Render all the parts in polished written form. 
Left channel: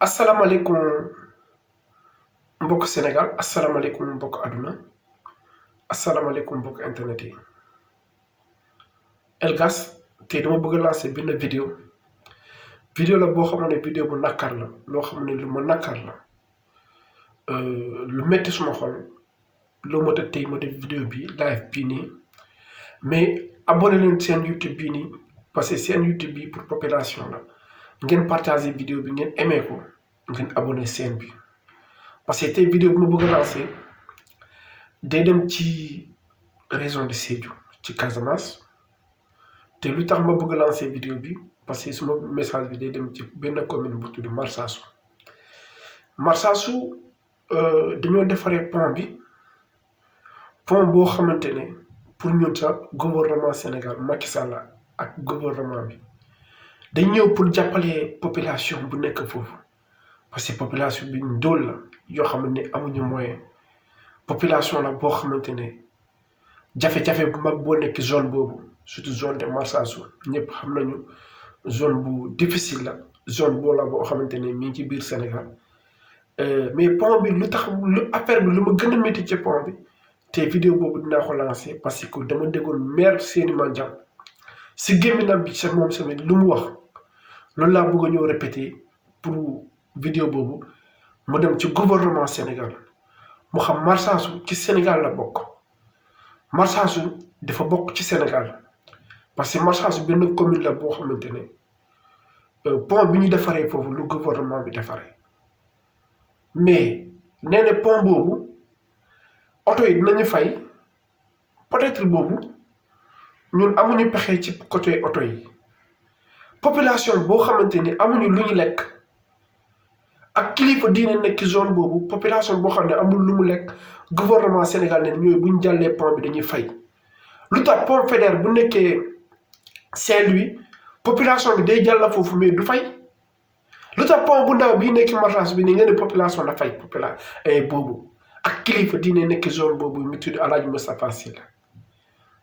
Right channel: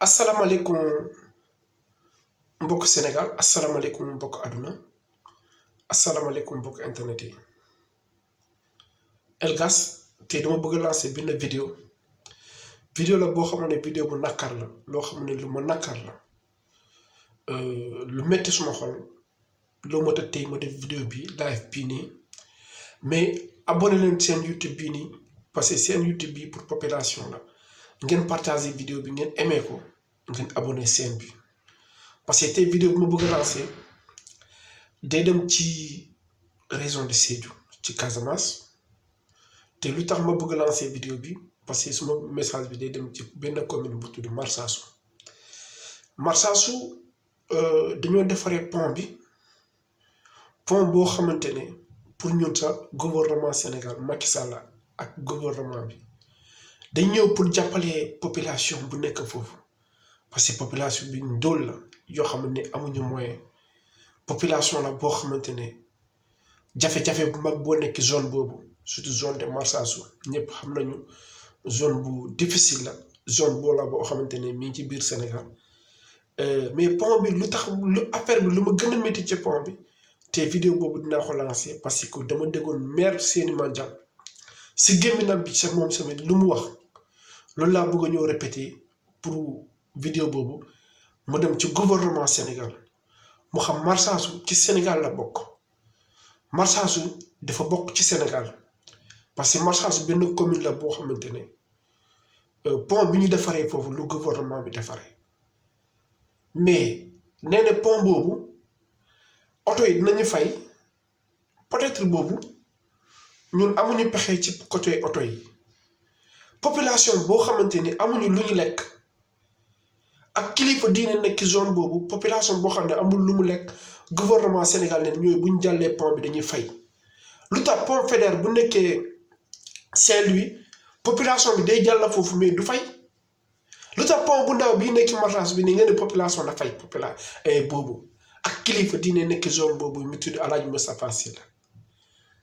asalaamaaleykum mbokk Sénégal asalaamaaleykum mbokk àdduna asalaamaaleykum mbokk internet yi Elgas tey dama bëgg a lancer benn vidéo la boo xam ne vidéo bu nakar la loo xam ne lu ma nakar la lu metti suma xol loo ma tax tey ma def vidéo bi live bii nii mais abonné leen seen YouTube bii nii parce que seen YouTube bi pour population la ngeen partager vidéo bi ngeen aimé ko ngeen abonné seen bi parce que tey vidéo bi ma bëgg a lancer day dem ci région de Sédhiou ci Casamance te lu tax ma bëgg a lancer vidéo bi parce que suma message bi day dem ci benn commune bu tudd Marsassoum dañoo defaree pont boo xamante ne pour ñun sax gouvernement Sénégal Macky Sall ak gouvernement bi dañ ñëw pour jàppale population bu nekk foofu parce que population bi ndóol la yoo xam ne amuñu moyen population la boo xamante ne jafe-jafe bu mag boo nekk zone boobu surtout zone de Marsassoum ñëpp xam nañu zone bu difficile la zone boo la boo xamante ne mi ngi ci biir Sénégal mais pont bi lu tax lu affaire bi lu ma gën a métti ci pont bi te vidéo boobu dinaa ko lancer parce que dama déggoon maire Seny Mandiang si gémminam bi sa moom tamit lu mu wax loolu laa bëgg a ñëw répéter pour vidéo boobu mu dem ci gouvernement Sénégal mu xam Marsassoum ci Sénégal la bokk Marsassoum dafa bokk ci Sénégal parce que Marsassoum benn commune la boo xamante ne pont bi ñu defaree foofu lu gouvernement bi defaree mais nee na pont boobu oto yi dinañu fay peut-être boobu ñun amuñu pexe ci côté oto yi population boo xamante ni amuñu lu ñu lekk ak kilifa diine nekk zone boobu population boo xam ne amul lu mu lekk gouvernement Sénégal ne ñooy bu ñu jàllee pont bi dañuy fay lu tax pont Faidherbe bu nekkee Saint-Louis population bi day jàll foofu mais du fay lu tax pont bu ndaw bii nekk Marsassoum bi ni ngeen ne population la fay boobu ak kilifa diine nekk zone boobu mu tudd Alaaji Moustapha Sy la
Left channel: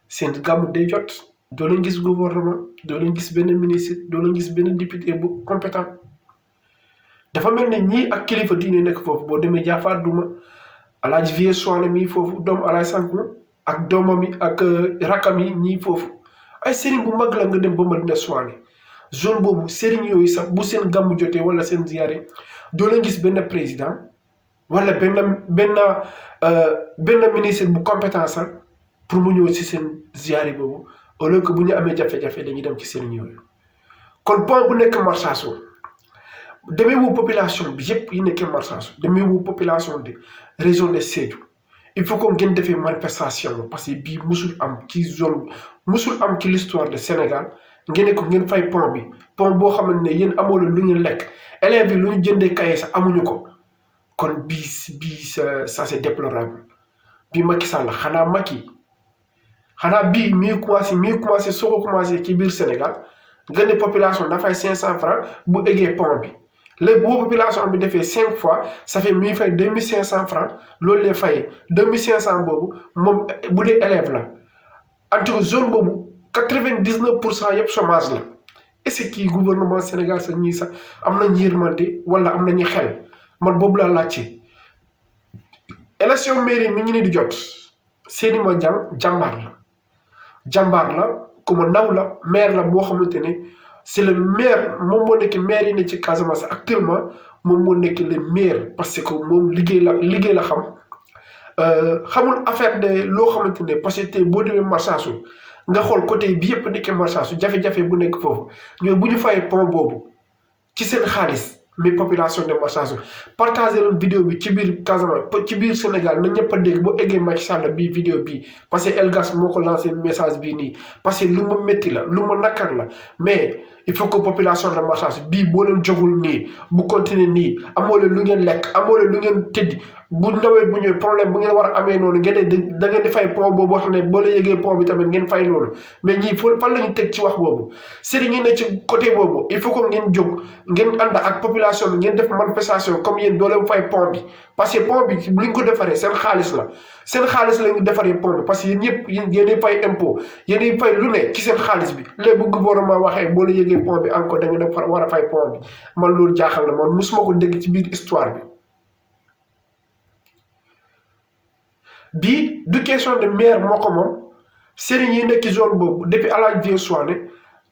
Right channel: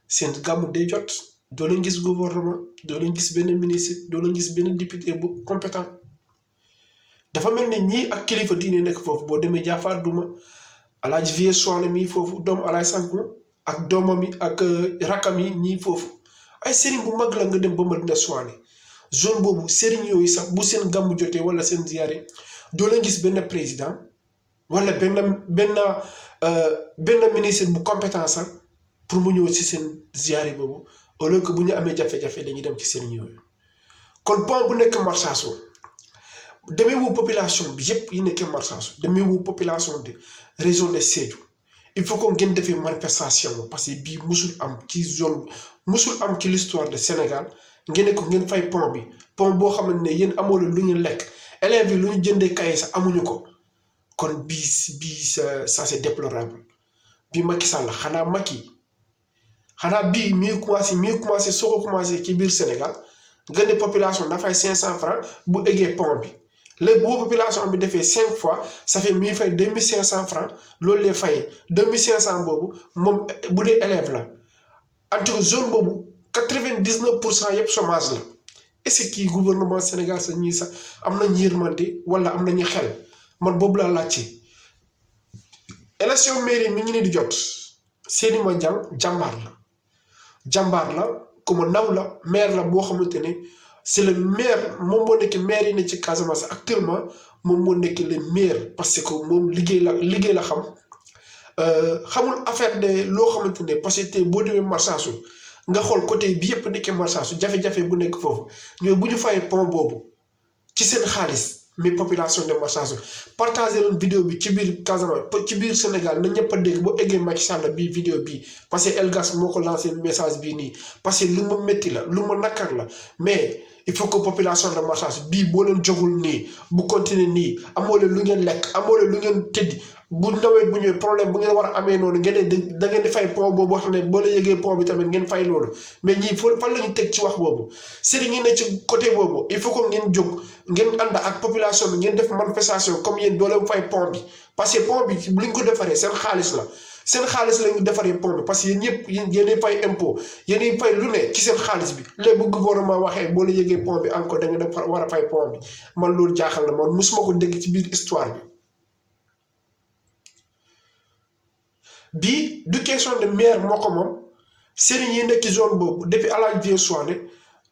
seen gàmmu day jot doo leen gis gouvernement doo leen gis benn ministre doo leen gis benn député bu compétent dafa mel ne ñii ak kilifa diine nekk foofu boo demee Jaafaar Duma Alaaji Vieux Soane mii foofu doomu Alaaji Sanku ak doomam yi ak rakam yi ñii foofu ay sëriñ bu mag la nga dem ba Madina Soane zone boobu sëriñ yooyu sax bu seen gàmmu jotee wala seen ziyaare doo leen gis benn président wala benn ministre bu compétent sax pour mu ñëw si seen ziyaare boobu au lieu que bu ñu amee jafe-jafe dañuy dem ci sëriñ yooyu kon pont bu nekk Marsassoum demeewu population bi yëpp yi nekkee Marsassoum demeewu population de région de Sédhiou il faut que ngeen defee manifestation parce que bii musul am ci zone musul am ci l'histoire de Sénégal ngeen ne ko ngeen fay pont boo xamante ne yéen amoo lu ñu lekk élèves yi lu ñu jëndee kaye sax amuñu ko kon bii ça c'est déplorable bii Macky Sall xanaa bii mi commencé soo ko commencé ci biir Sénégal nga ne population dafay 500 francs bu eggee pont bi léegi boo population bi defee 5 fois ça fait mi fay 2500 francs loolu lay fayee 2500 boobu moom bu dee élève la en tout cas zone boobu 99% yëpp chômage la est-ce que gouvernement Sénégal sax ñii sax am nañu yërmande wala am nañu xel man boobu laa laajte élection mairie mi ngi ni di jot Seny Mandiang jàmbaar la ku ma naw la maire la boo xamante ne c'est le maire moom moo nekk maire yi ne ci Casamance actuellement moom moo nekk le maire parce que moom liggéey la xam xamul affaire de loo xamante ne parce que tey boo demee Marsassoum nga xool côté bi yëpp nekkee Marsassoum jafe-jafe bu nekk foofu ñoom bu ñu fayee pont boobu ci seen xaalis mais population de Marsassoum partagé leen vidéo bi ci biir Casamance ci biir Sénégal na ñëpp a dégg boo eggee Macky Sall bii vidéo bii parce que Elgas moo ko lancé message bii nii parce que lu ma métti la lu ma nakar la mais il faut que population de Marsassoum bii boo leen jogul nii bu continuer nii amoo leen lu ngeen lekk amoo leen lu ngeen tëdd bu nawet bu ñëwee problème bu ngeen war a amee noonu ngeen ne da ngeen di fay pont boobu wax ne boo la yëgee pont bi tamit ngeen fay loolu mais ñii fan la ñu teg ci wax boobu sëriñ yi ne ci côté boobu il faut que ngeen jóg ngeen ànd ak population bi ngeen def manifestation comme yéen doo leen fay pont bi parce que pont bi bu ñu ko defaree seen xaalis la seen xaalis la ñu defaree pont bi parce que yéen ñëpp yéenay fay impôt yéenay fay lu ne ci seen xaalis bi léegi bu gouvernement waxee boo la yëgee pont bi encore da nga def war a fay pont bi man loolu jaaxal na man musuma ko dégg ci biir histoire bi du question de maire moo ko moom sëriñ yi nekk ci zone boobu depuis Alaaji Vieux Soane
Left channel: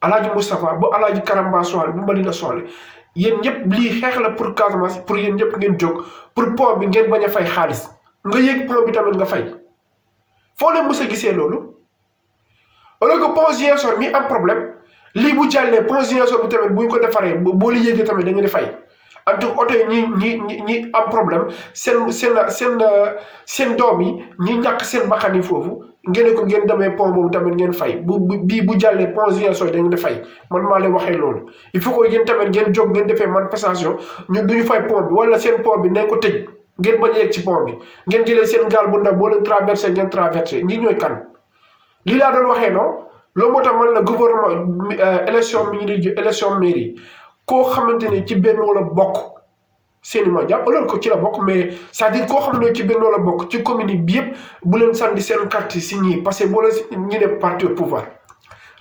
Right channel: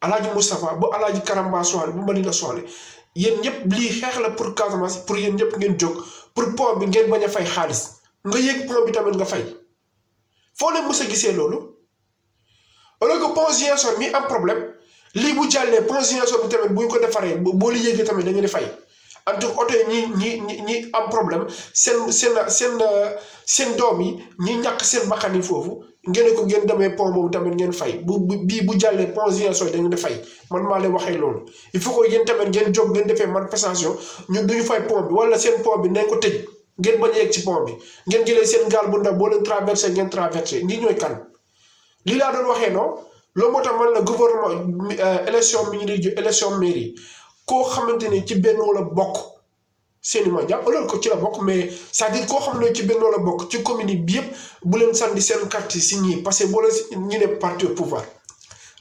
Alaaji Moustapha ba Alaaji Karamba Soane ba Madina Soane yéen ñëpp lii xeex la pour Casamance pour yéen ñëpp ngeen jóg pour pont bi ngeen bañ a fay xaalis nga yëg pont bi tamit nga fay foo leen mës a gisee loolu alors que pont Ziguinchor mi am problème lii bu jàllee pont Ziguinchor bi tamit bu ñu ko defaree boo la yëgee tamit da ngeen di fay en tout cas oto yi ñi am problème seen doom yi ñi ñàkk seen bakkan yi foofu ngeen ko ngeen demee pont boobu tamit ngeen fay bu jàllee pont Ziguinchor da ngeen di fay man maa leen waxee loolu il faut que yéen tamit ngeen jóg ngeen defee manifestation ñu duñu fay pont bi wala seen pont bi nañ ko tëj ngeen bañ a yegg ci pont bi ngeen jëlee seen gaal bu ndaw boo leen traversé ngeen traversé ñi ñooy kan lii laa doon waxee non loolu moo tax man la gouvernement élection élection mairie koo xamante ne ci benn wala bokk seeni ma jàpp loolu ko ci la bokk mais c'est-à-dire koo xam ne ci benn wala bokk ci commune bi yëpp bu leen sànni seen carte si ñii parce que boo leen ñu ne parti au pouvoir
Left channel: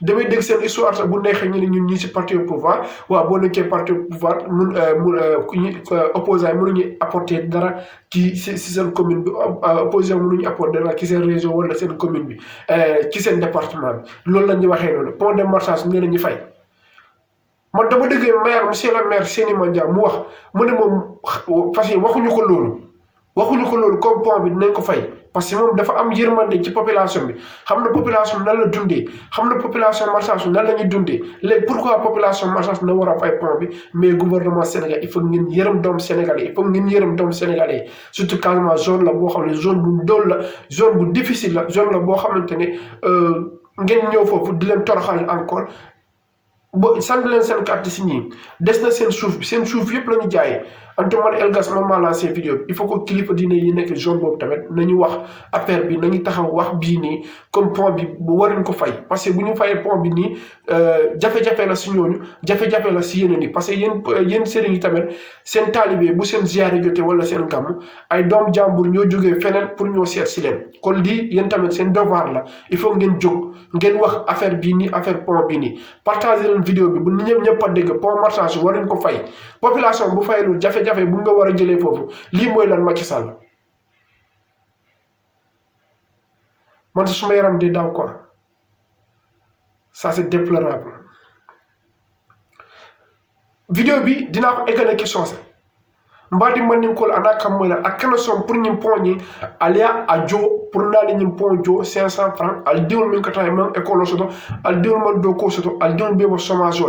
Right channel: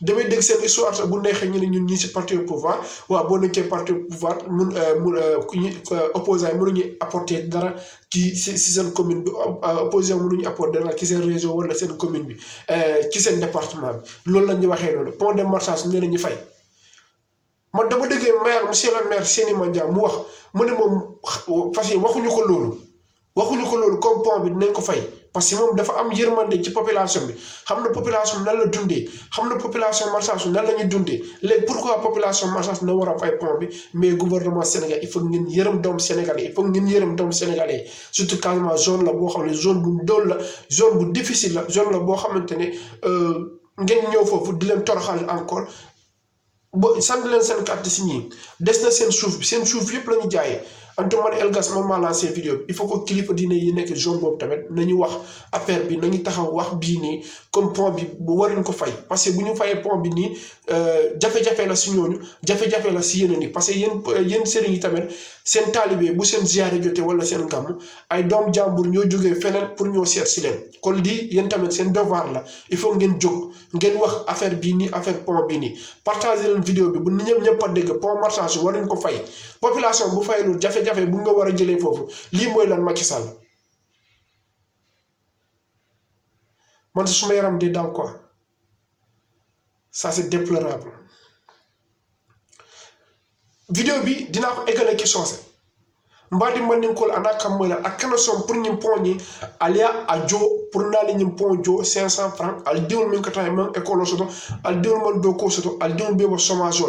damay dégg seen histoire sax bu neexee ñu ne ñun ñii si parti au pouvoir waaw boo nekkee parti au pouvoir opposant yi mënuñu apporter dara ci seen commune bi opposition mënuñu apporter dara ci seen région wala seen commune bi ci seen département bi loolu la ñuy waxee noonu pont de marchage nee na ñu fay. man dama dégg maire monsieur le maire Seny Mandia mu wax mu ne moom fas yi waxuñu ko loolu comme pont bi dinañ ko fay parce que moom dafa am yërmande ci population bi xam na population nan la dundee xam na population marchage nan la ñuy dundee léegi pourquoi population marchage na war a fay pont bi mais gouvernement Sénégal il faut ngeen yërëm doomu Sénégalais il faut ngeen yërëm doomu Sénégalais surtout Casamance zone la boo xam ne zone bu ndóol la zone bu difficile la zone la boo xamante ne ngeen ñëw foofu di leen toroxal encore. ba sant leen seen carte si ñii des na seen suuf yëpp la ñu jaayee Antoine Elgas moom maa lancé vidéo bi il faut que kilifa diine yi nekk zone boobu tamit nañu wax affaire bi nañu taxaw wax bii nii comme pont bi bu waruñ ko fay parce que bu ñu fayee pont bi nii jafe-jafe la si ñooñu jafe-jafe la si yeneen yi parce que yéen sëriñ yi tamit seen taalibe bu seen ziyaare jotee wala seen gàmm ay doom jàmbur ñoo jógee feneen pour ñoo seet si leen kon lii yéen tamit seen devoir la il faut ngeen jóg ngeen wax affaire bii nii affaire pont bi nii partagé leen vidéo bi bu ñëpp a dégg pont marchage waruñ ko fay population bu fayalul jafe-jafe bu nga war a jëlee foofu lii mooy lan Macky Sall man suma yaram di daw quoi ça c'est déplorable vidéo bi dinaa ko eggale question sax mbadi maninkol anaka mola akana son pour ñim poñi alia ajo pour nali ñim ponjo 500 francs al diwul min kata man école soto al diwul man do ko soto al diwul be bo chômage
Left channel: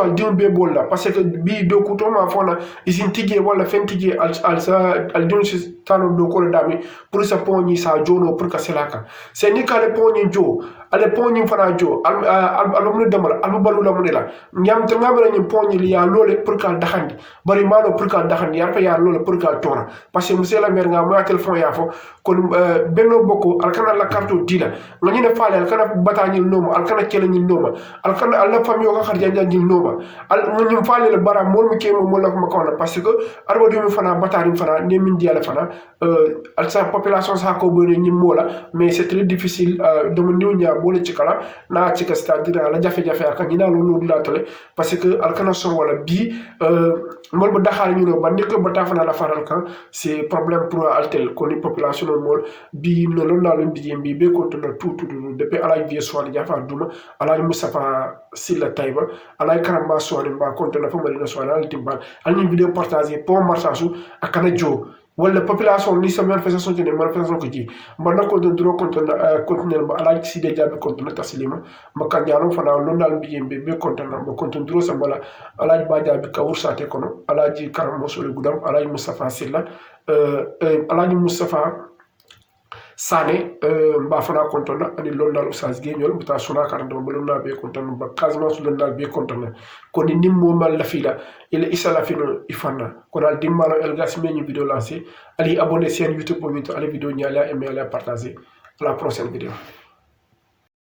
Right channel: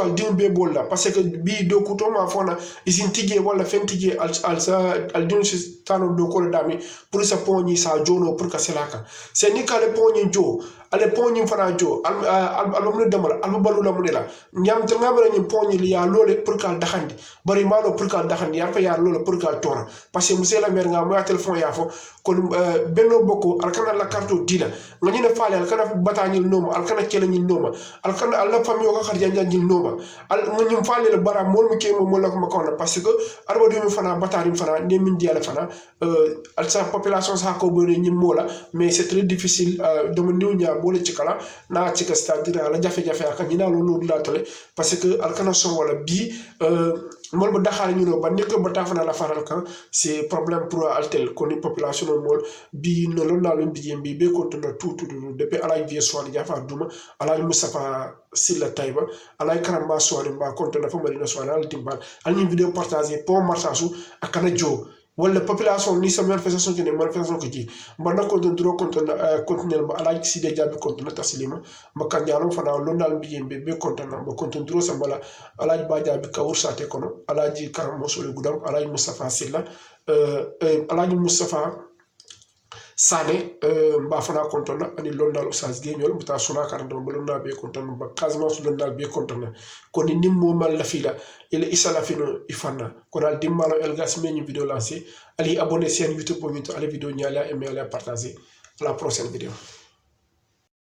al diwul be bol la parce que bi do ko to ma fona isin tije wala fen tije al diwul ci tano do ko dami pour sa poñi sa jono pour ka selaka c'est ni kale poñi jo ale poñi fana jo al mu demal al balu la mu ne la ñam te ngamara ñim poñi li ya lolé pour ka daxandi bari malo pour ka daxandi ya ya lolé pour ka tora parce que monsieur la maire nga mo téléphone ya fo kon benno bokko al kana la carte dila nga ñu ne faale al kana batañil noma al kana kele ñil noma al kana al la famille ko xar janja ñil noma al ñu faale le bara mol mi kemo mo la ko makona parce que arba du mi fana batari fana ne min diala fana al sa population sa ko bone ñi mola mais c'est très difficile de mo ñoña bolé ci kala na ci ka c'est-à-dire la jafé jafé ak ñi na lo la tole parce que al kana son wala bi mol bu daxal ñu no ba nek ba tafana la faral kan c'est problème pour altel ko ni population mol bi no lon na lo bi be ko to tout depuis Alaaji Vieux Soane Jafa Duma Alaaji Moustapha Silla Taïba Alaaji Karamba Soane ba konto na fa Madina Soane al timbal al ñu vidéo partager pour marchage akana jo wala population ni sa manifestation ne manifestation ko ji mba nako don dro continuer ba Alaaji Sidé Diaby konto taslima mba kan yalo fana lon dal be konto na mba konto dro sa bala Alaaji Ba Diaby ka wursate kono Alaaji Karamba Soane Gudam Alaaji Moustapha Silla Alaaji Moustapha Sané mba fana kontona ani londal usas geñol mta suna karando bolonna be kontona ba Casamance londal be kontona koni nimmo mal la fila ile isala fino ifana konal dimmalo elgas meñu vidéo lancé ali abonné chaîne YouTube pour minto ali vidéo ñala et ala partager à la prochaine vidéo.